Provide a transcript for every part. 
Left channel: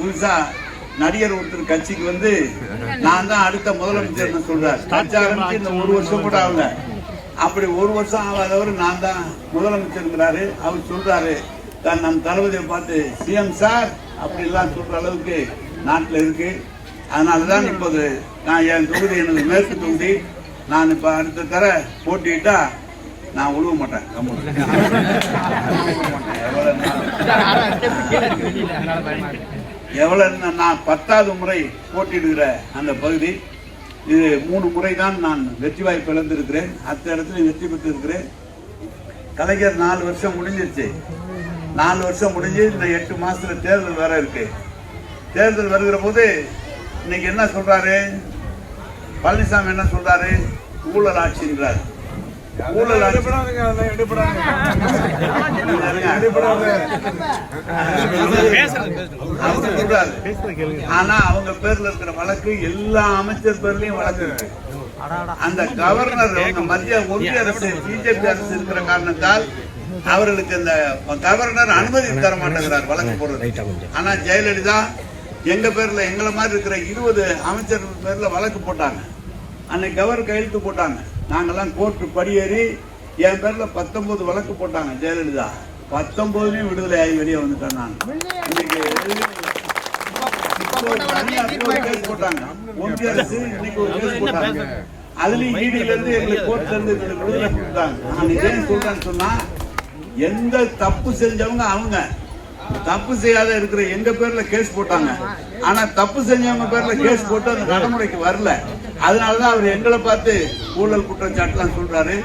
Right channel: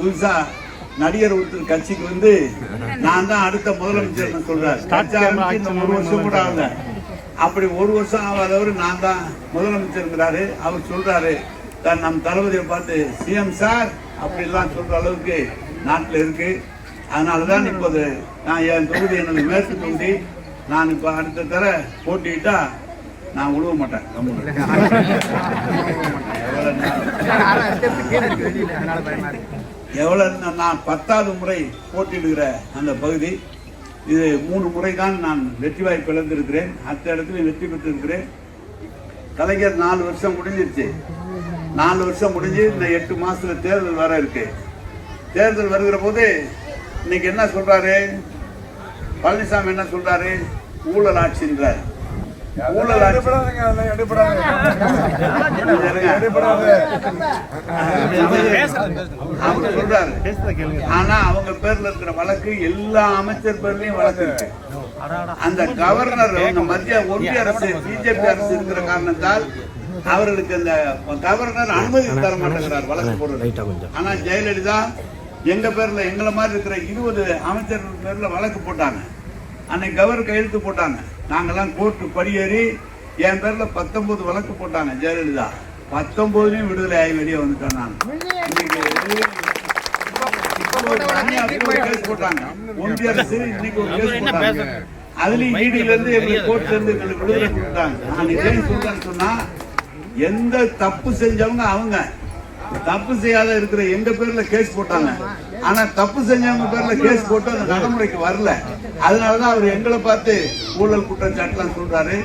புதுசா நடிகர் ஒருத்தர் கட்சிக்கு வந்து நான் தான் அடுத்த முதலமைச்சர் சொல்றாரு. கட்சி ஆரம்பிச்சு இந்த 1 வருஷம் கூட ஆகல. அப்படி 1 வருஷம் ஆகாதவர் நான் தான் முதலமைச்சருங்கிறாரு. அவர் சொல்றாரு நம் தளபதியை பார்த்து சிஎம் சார் அப்படிலாம் சொல்ற அளவுக்கு நாட்டில் இருக்கு. அதனாலதான் இப்போது நான் என் தொகுதி எனக்கு மேற்கு தொகுதி. நான் இப்ப அடுத்த தர போட்டிட்டா நான் உழுவ மாட்டேன். எவ்வளவு நான் 10வது முறை போட்டியிடுகிற அந்த பகுதி. இது 3 முறை தான் நான் வெற்றி வாய்ப்பு இழந்திருக்கிறேன். அத்த இடத்துல வெற்றி பெற்றிருக்கிறேன். கலைஞர் 4 வருஷம் முடிஞ்சிருச்சு. 4 வருஷம் முடிஞ்சு இந்த 8 மாசத்துல தேர்தல் வர இருக்கு. தேர்தல் வருகிற போது இன்னைக்கு என்ன சொல்றாரு பழனிசாமி? என்ன சொல்றாரு? ஊழல் ஆட்சிங்கிறார். ஊழல் ஆட்சி சொல்றாரு. ஆனா அவங்க பேர்ல இருக்கிற வழக்கு எல்லா அமைச்சர் பேர்லயும் வழக்கு இருக்கு. அந்த கவர்னர் ஒன்றிய அரசு பிஜேபி அரசு இருக்கிற காரணத்தால் அவர்களுக்கு அந்த கவர்னர் அனுமதி தர மாட்டேங்கிறார் வழக்கு போடுறது. ஆனா ஜெயலலிதா எங்க பேர்ல எங்களை மாதிரி இருக்கிற 20 அமைச்சர்கள் பேர்ல வழக்கு போட்டாங்க. அன்னைக்கு கவர் கையெழுத்து போட்டாங்க. நாங்கெல்லாம் கோர்ட்டு படியேறி என் பேர்ல 19 வழக்கு போட்டாங்க ஜெயலலிதா. 19லயும் விடுதலை ஆகி வெளியே வந்துட்டேன் நான். இன்னைக்கு கேஸ் போட்டாங்க ஒன்றிய அரசு. இன்னைக்கு ஒரு கேஸ் போட்டாங்க. அதுலயும் ஈடியில இருந்து எங்களுக்கு கோர்ட்ல இருந்து எங்களுக்கு விடுதலை கொடுத்தாங்க. நான் ஏன் சொல்றேன்னு சொன்னா எந்த தப்பு செஞ்சவங்க அவங்க தப்பு செய்யாத இருக்கிற எங்க பேர்ல கேஸ் போட்டாங்க. ஆனா தப்பு செஞ்சவங்க பேர்ல கேஸ் போட்டு அந்த நடைமுறைக்கு வரல. அதனாலதான் அவர் எங்களை பார்த்து ஊழல் குற்றச்சாட்டுலாம் சொல்றாரு.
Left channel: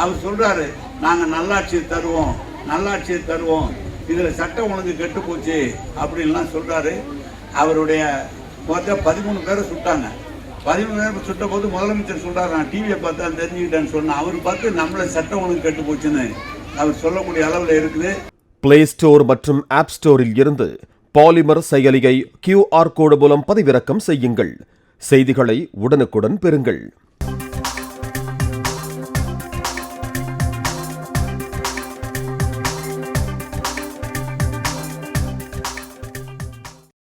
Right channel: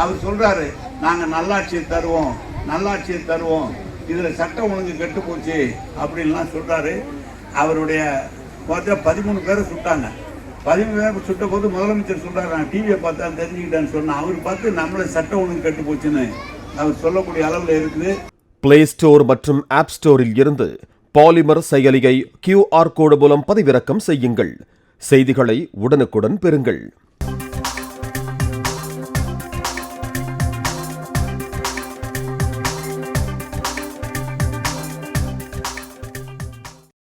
அவர் சொல்றாரு நாங்க நல்லாட்சியை தருவோம், நல்லாட்சியை தருவோம், இதுல சட்டம் ஒழுங்கு கெட்டு போச்சு அப்படின்லாம் சொல்றாரு. அவருடைய 13 பேரை சுட்டாங்க. 13 பேரை சுட்ட போது முதலமைச்சர் சொல்றாரு நான் டிவியை பார்த்தா தெரிஞ்சுக்கிட்டேன்னு சொன்னா அவர் பார்த்து நம்மள சட்டம் ஒழுங்கு கெட்டு போச்சுன்னு அவர் சொல்லக்கூடிய அளவில் இருக்குது. பிளே ஸ்டோர் மற்றும் ஆப் ஸ்டோரில் இருந்து பாலிமர் செயலியை QR கோடு மூலம் பதிவிறக்கம் செய்யுங்கள். செய்திகளை உடனுக்குடன் பெறுங்கள்.